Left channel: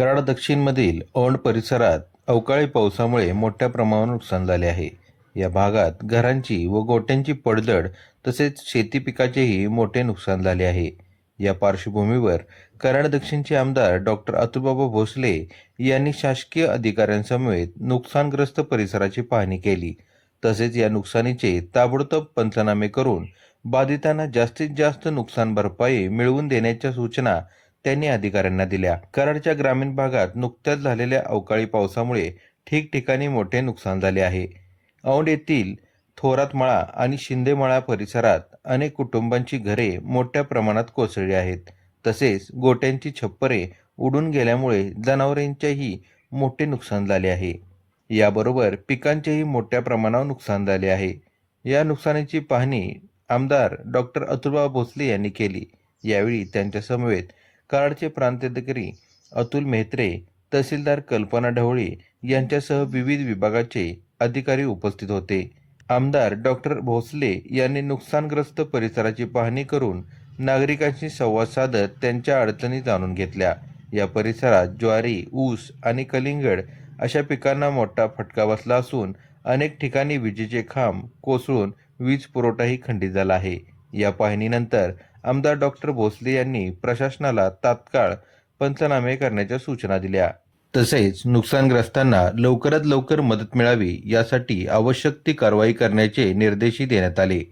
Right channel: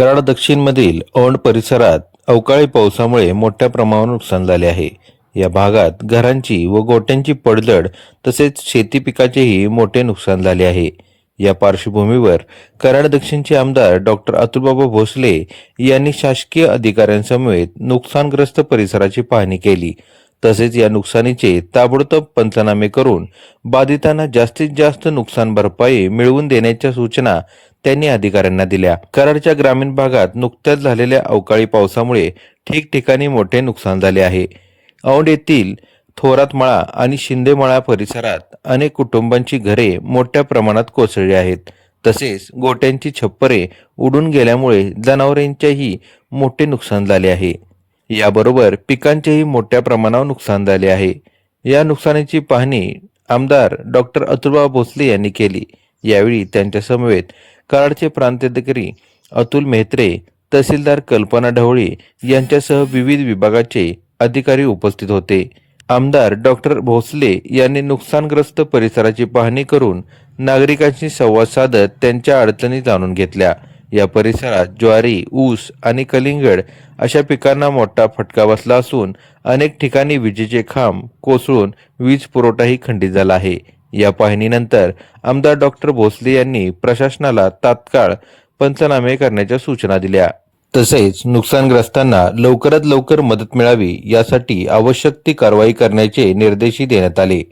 कराड दक्षिणमधील औंध परिसरात अवकाळी पावसामुळे मोठ्या प्रमाणावर नुकसान झाले आहे. या भागात घरांची व गोठ्यांची पडझड तसेच शेती पिकाचेही मोठे नुकसान झाले आहे. या पार्श्वभूमीवर कराड दक्षिणचे आमदार डॉक्टर अतुलबाबा भोसले यांनी शासकीय अधिकाऱ्यांसमवेत नुकसानग्रस्त परिसराची पाहणी केली. तसेच या नुकसानीचे ताबडतोब पंचनामे करून बाधितांना जास्तीत जास्त नुकसान भरपाई मिळवून देण्याच्या सूचना त्यांनी अधिकाऱ्यांना दिल्या. कराडच्या ग्रामीण भागात नुकत्याच झालेल्या अवकाळी पावसामुळे ठिकठिकाणी मोठे नुकसान झाले आहे. औंध येथील थोरातमळा आणि शिंदेमळा परिसरात अनेक कुटुंबांची घरे मोठ्या प्रमाणात कोसळली आहेत. तसेच गोट्यांची छप्परे उडून गेल्यामुळे जनावरांचेही मोठे नुकसान झाले आहे. याबरोबर पिकांचेही मोठ्या प्रमाणावर नुकसान झाले आहे. या नुकसानीची पाहणी आमदार डॉक्टर अतुलबाबा भोसले यांनी केली. यावेळी त्यांच्या समवेत कराडचे प्रांताधिकारी अतुल मेहत्रे, तहसीलदार कल्पना ढवळे यांच्यासह विविध विभागाचे अधिकारी उपस्थित होते. आमदार डॉक्टर भोसले यांनी नुकसानग्रस्त परिसराची पाहणी करून नागरिकांशी संवाद साधत त्यांच्या अडचणी जाणून घेतल्या. या परिसरात ज्वारी, ऊस आणि कलिंगड अशा पिकांना मोठा फटका बसला असून अनेक ठिकाणी विजेचे खांब कोसळून वीज पुरवठाही खंडित झाला आहे. या पाहणीनंतर आमदार डॉक्टर भोसले यांनी प्रशासनाला तात्काळ पंचनामे करण्याच्या सूचना दिल्या. तसेच नुकसानग्रस्तांना लवकरात लवकर मदत मिळावी यासाठी आवश्यक ती कारवाई करण्याचे निर्देशही देण्यात आले.